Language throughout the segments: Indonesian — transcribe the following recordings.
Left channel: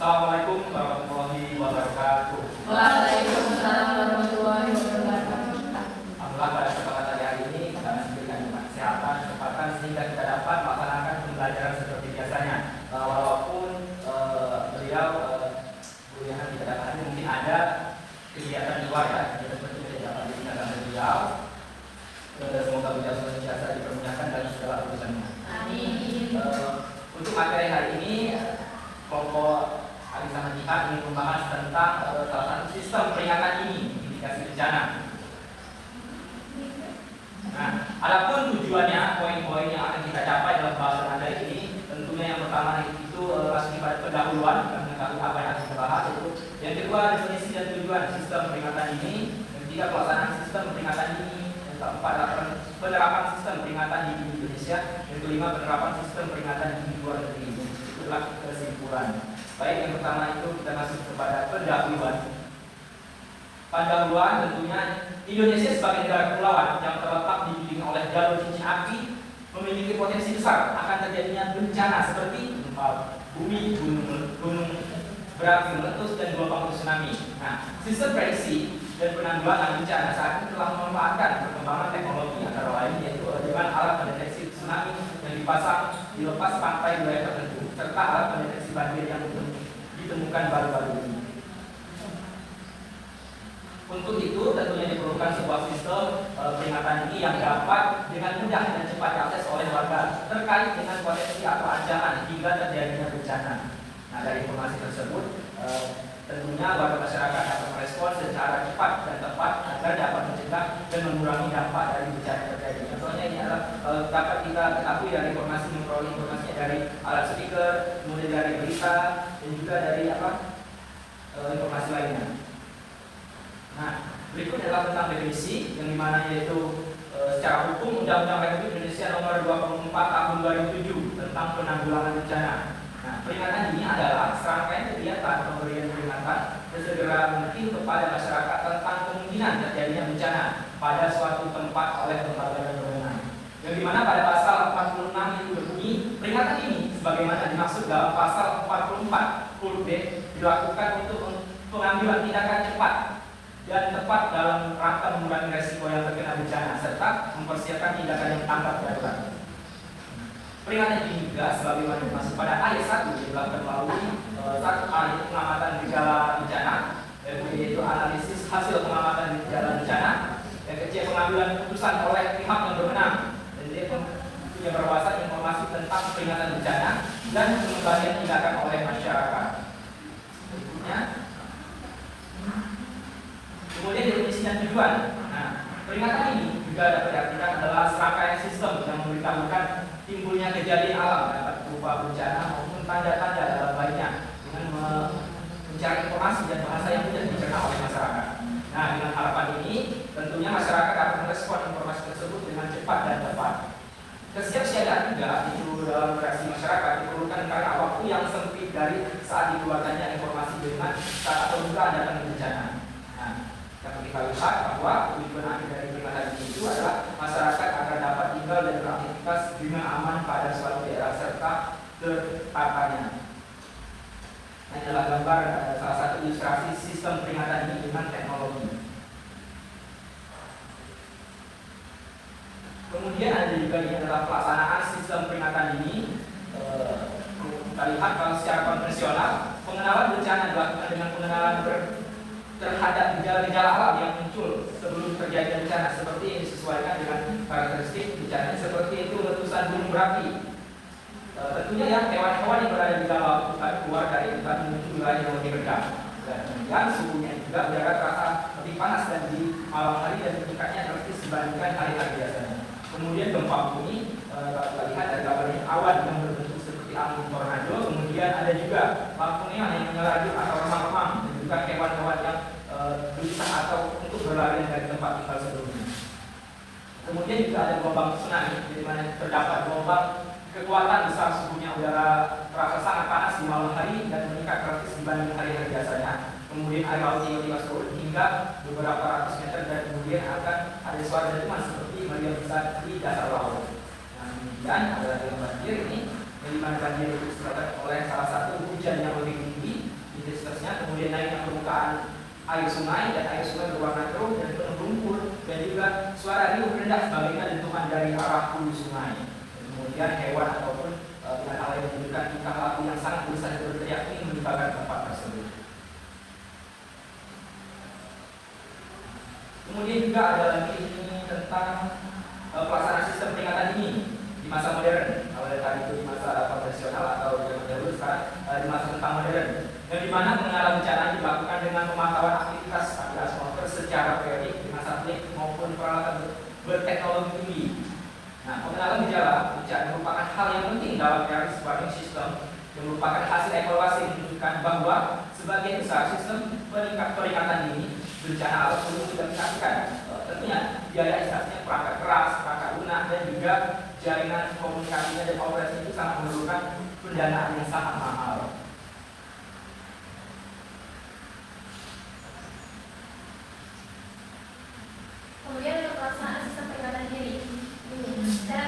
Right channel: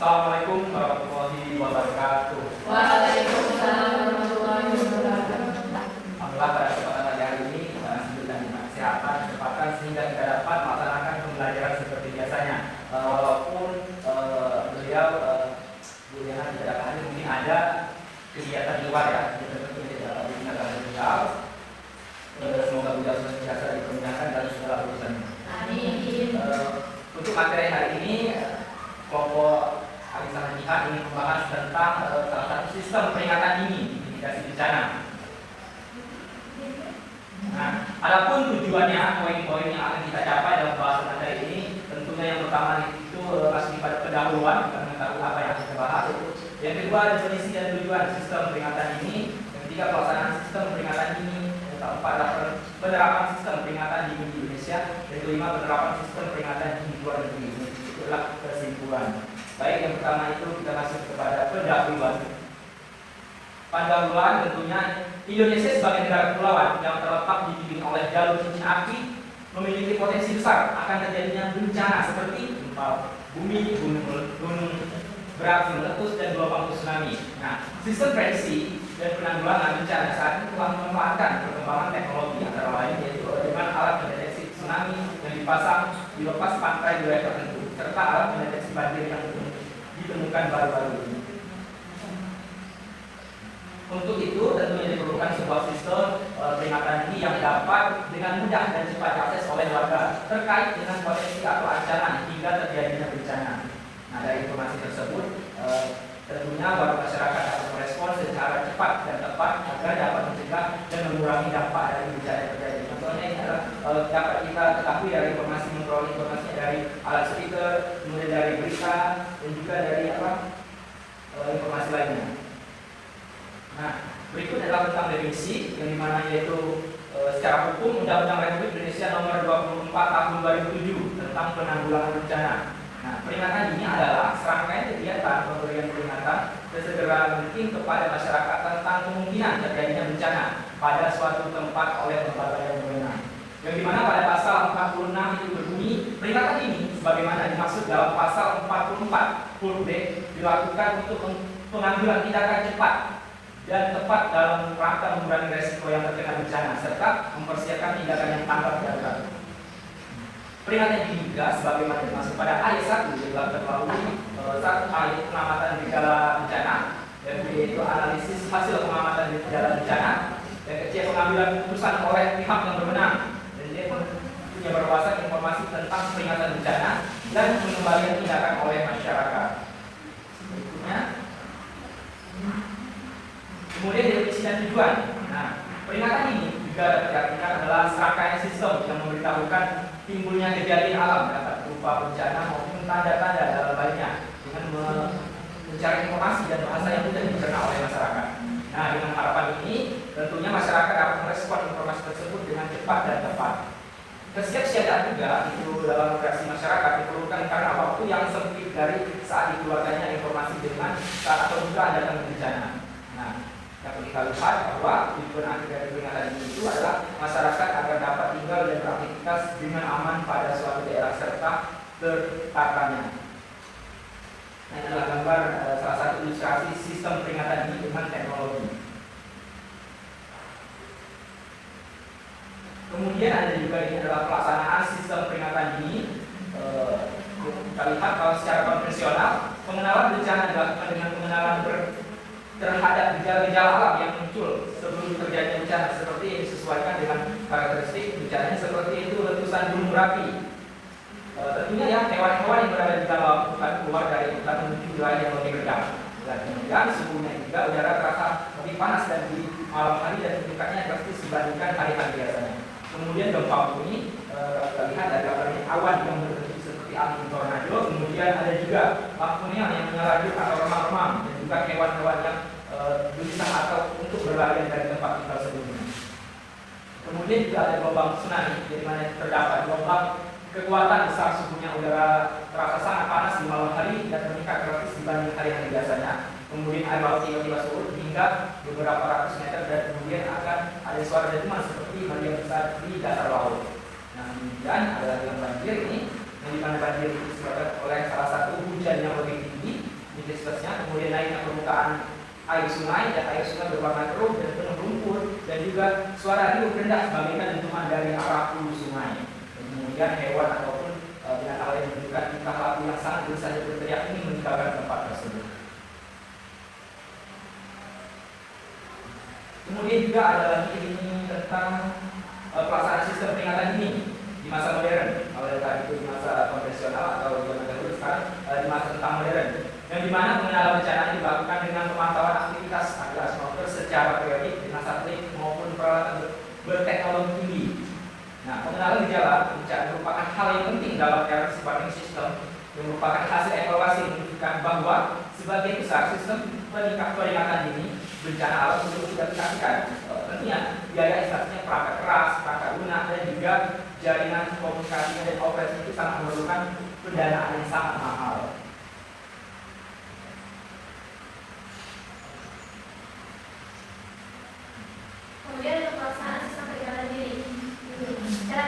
Assalamualaikum warahmatullahi wabarakatuh. Waalaikumsalam warahmatullahi wabarakatuh. Alhamdulillah pada kesempatan hari ini kita masih diberikan kesehatan, kesempatan sehingga kita dapat melaksanakan pembelajaran seperti biasanya. Walaupun beliau Juliana tidak dapat hadir, mungkin ada kegiatan di luar ya, kita tentu tidak dapat digunakan beliau. Semoga beliau senantiasa dipermuliakan dalam segala urusannya. Amin. Untuk materi hari ini, kelompok Alisama Jihad ingin membahas tentang salah satu sistem peringatan dini mitigasi bencana. Nah, adapun tujuannya, poin-poin yang akan kita capai dalam bahasan materi ini, tentunya yang pertama itu masih pada pendahuluan, kita mengetahui apa yang akan kita bahas itu. Yang kedua, definisi dan tujuan sistem peringatan dini. Yang ketiga, pelaksanaan sistem peringatan dini. Yang keempat, penerapan sistem peringatan dini di Indonesia. Yang kelima, penerapan sistem peringatan dini di luar negeri. Itulah kesimpulan. Baik, yang pertama itu kita masuk kepada pendahuluan. Pendahuluan tentunya Indonesia sebagai negara kepulauan yang terletak dikelilingi oleh jalur cincin api memiliki potensi besar akan terjadinya bencana seperti gempa bumi, gunung berapi meletus dan gelombang tsunami. Nah, sistem prediksi dan penanggulangan bencana saat ini telah memanfaatkan perkembangan teknologi antara lain yaitu dengan alat pendeteksi tsunami yang dipasang di lepas pantai wilayah tertentu serta alat pendeteksi banjir yang ditemukan baru-baru ini. Untuk itu tentunya diperlukan sebuah sistem peringatan dini yang dapat dengan mudah dan cepat diakses oleh warga terkait dengan potensi atau ancaman hingga terjadinya bencana. Nah, dari informasi tersebut tentunya warga masyarakat dapat merespon secara cepat dan tepat agar dapat mencegah dan mengurangi dampak dari bencana terjadi. Contohnya ini adalah dapat kita ketahui dari informasi memperoleh informasinya dari alat speaker, kemudian dari berita dan juga dari informasi lainnya. Nah, berikut adalah tentang definisi yang dimana yaitu secara hukum Undang-Undang Republik Indonesia Nomor 24 Tahun 2007 tentang penanggulangan bencana. Nah, peringatan dini adalah serangkaian kegiatan pemberian peringatan sesegera mungkin kepada masyarakat tentang kemungkinan terjadinya bencana pada suatu tempat oleh lembaga yang berwenang. Yang dimana pada pasal 46 itu berbunyi peringatan dini sebagaimana dimaksud dalam pasal 44 huruf D dilakukan untuk pengambilan tindakan cepat dan tepat dalam rangka mengurangi resiko yang terkena bencana serta mempersiapkan tindakan yang tanggap darurat. Peringatan dini juga sebagaimana dimaksud pada ayat 1 dalam terbaru satu ayat pengamatan gejala bencana, yaitu analisis hasil pengamatan gejala bencana, yang ketiga pengambilan keputusan oleh pihak yang berwenang, dan dia punya berwawasan informasi tentang peringatan bencana dan pengembalian tindakan oleh masyarakat. Berikutnya, kemudian definisi dan tujuan. Nah, peringatan ini juga diartikan adalah serangkaian sistem yang memberitahukan timbulnya kejadian alam dapat berupa bencana maupun tanda-tanda dalam baliknya dengan mencari informasi dan bahasa yang mudah dicerna oleh masyarakat. Nah, dengan harapan ini tentunya masyarakat dapat merespon informasi tersebut dengan cepat dan tepat. Kesiapsiagaan juga itu dalam reaksi masyarakat diperlukan karena waktu yang sempit dari saat dikeluarkannya informasi dengan saat apabila datang bencana. Nah, dapat kita lihat bahwa tujuan akhir dari peringatan ini itu adalah masyarakat agar dapat tinggal dan beraktivitas dengan aman pada suatu daerah serta tertatanya. Nah, ini adalah gambar salah satu ilustrasi sistem peringatan dini dengan teknologi. Kemudian ada juga ini adalah pelaksanaan sistem peringatan dini. Kita lihat kalau secara konvensional pengenalan bencana dilakukan dengan pengenalan terhadap gejala-gejala alam yang muncul sebelum terjadi bencana seperti yang disesuaikan dengan karakteristik bencana seperti itu letusan gunung berapi. Tentunya ya hewan-hewan yang berada di dalam hutan keluar dari hutan menuju wilayah yang lebih rendah dan kemudian suhunya juga udara terasa lebih panas dan di malam hari dan tingkatnya drastis dibandingkan hari-hari biasanya. Kemudian gempa bumi kita lihat ada gambarnya awan yang berbentuk seperti angin tornado. Kemudian ada juga lampuneon yang menyerajut atau remang-remang dan juga hewan-hewan yang berusaha atau untuk berlarian dari tempat tinggal sebelumnya. Kemudian juga ada gelombang tsunami di mana terdapat gelombang kekuatan besar suhunya udara terasa sangat panas di malam hari dan meningkat drastis dibanding hari-hari biasanya. Kemudian air laut tiba-tiba surut hingga beberapa ratus meter dan kemudian akan ada suara dentuman seperti meriam besar di dasar laut. Nah, kemudian ada banjir ini, yang dimana banjir itu disebabkan oleh salah satu hujan yang lebih tinggi intensitasnya, kemudian naiknya permukaan air sungai, dan air sungai berwarna keruh dan penuh lumpur, dan juga suara riuh rendah sebagaikan dentuman dari arah hulu sungai. Kemudian hewan ataupun binatang lain yang menunjukkan tingkah laku yang sangat gelisah dan berteriak ini meninggalkan tempat tersebut. Kemudian juga ada lagi ini tentang pelaksanaan sistem peringatan dini di masa modern. Kalau tadi itu di masa konvensional atau zaman dahulu, sekarang di masa tentang modern, yang dimana pengenalan bencana dilakukan dengan pemantauan aktivitas atmosfer secara periodik dengan satelit maupun peralatan berteknologi tinggi. Nah, pengenalan gejala bencana merupakan hal yang penting dalam era warning system, yang merupakan hasil evaluasi yang menunjukkan bahwa sebagian besar sistem peringatan dini bencana alam perlu diaplikasikan. Tentunya biaya instalasinya perangkat keras, perangkat lunak, dan juga jaringan komunikasinya dan operasi itu sangat memerlukan pendanaan yang sangat mahal. Kemudian untuk pelaksanaan sistem peringatan dini, cara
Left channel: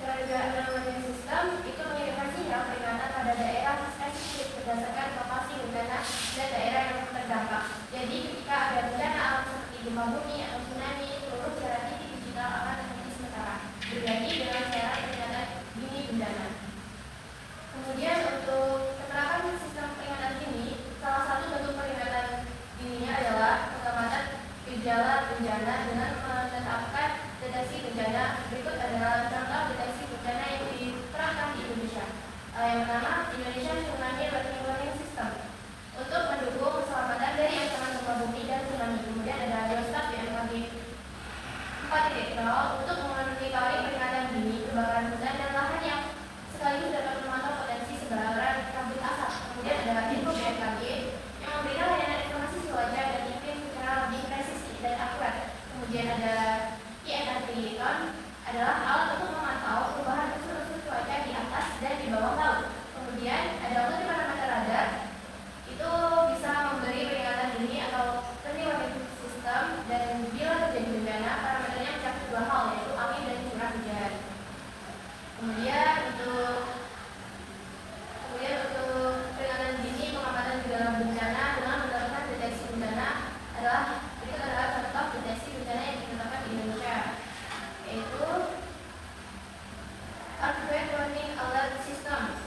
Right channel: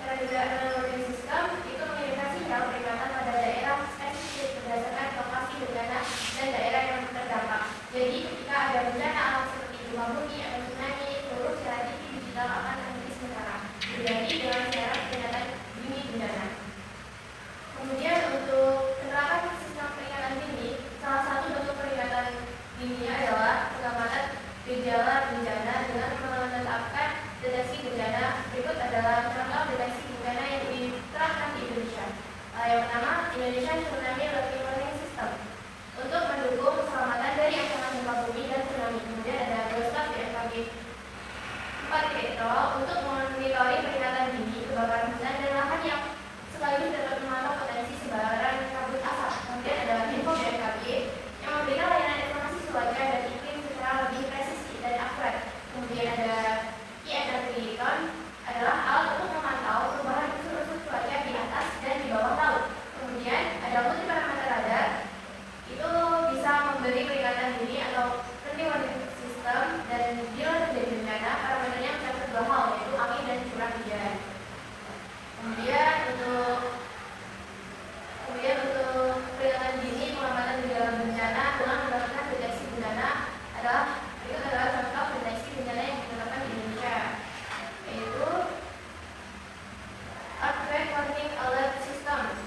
kerja warning system itu mengirimkan sinyal peringatan pada daerah spesifik berdasarkan lokasi bencana dan daerah yang terdampak. Jadi ketika ada bencana alam seperti gempa bumi atau tsunami, seluruh siaran TV digital akan terhenti sementara, berganti dengan siaran peringatan dini bencana. Kemudian untuk penerapan sistem peringatan dini, salah satu bentuk peringatan dini adalah pengamatan gejala bencana dengan menetapkan deteksi bencana. Berikut adalah contoh deteksi bencana yang diterapkan di Indonesia. Yang pertama, Indonesia Tsunami Early Warning System untuk mendukung keselamatan dari ancaman gempa bumi dan tsunami. Kemudian ada Geostat BMKG 4.0 untuk memonitoring peringatan dini kebakaran hutan dan lahan yang sekaligus dapat memantau potensi sebaran kabut asap. Kemudian ada Info BMKG yang memberikan layanan informasi cuaca dan iklim secara lebih presisi dan akurat. Kemudian ada INRP adalah alat untuk memantau perubahan unsur-unsur cuaca di atas dan di bawah laut. Kemudian ada multiparameter radar, itu bisa memberi peringatan dini atau early warning system, dan bila terjadi bencana parameternya mencakup dua hal, yaitu angin dan curah hujan. Kemudian untuk peringatan dini pengamatan gejala bencana dengan mendapatkan deteksi bencana adalah contoh deteksi bencana yang ditetapkan di Indonesia, yaitu Earthquake Warning Alert System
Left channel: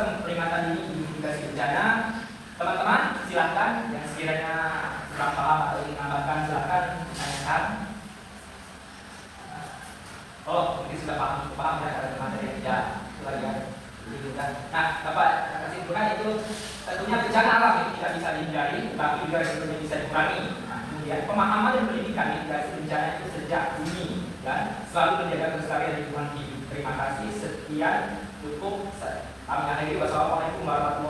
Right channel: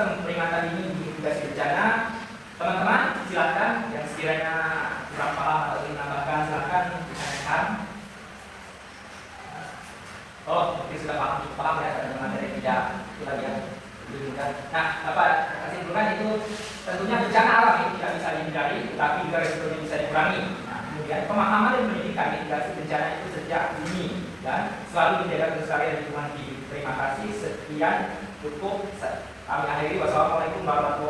sistem peringatan dini di mitigasi bencana. Teman-teman silakan yang sekiranya kurang paham atau ingin tambahkan silakan ditanyakan. Oh, mungkin sudah paham ya teman-teman dari tidak itu lagi ya. Nah, dapat simpulkan itu tentunya bencana alam ini tidak bisa dihindari, tetapi juga resikonya bisa dikurangi. Nah, kemudian pemahaman dan pendidikan mitigasi bencana itu sejak dini dan selalu menjaga kelestarian lingkungan hidup. Terima kasih, sekian, cukup. Kami akhiri. Wassalamualaikum warahmatullahi wabarakatuh.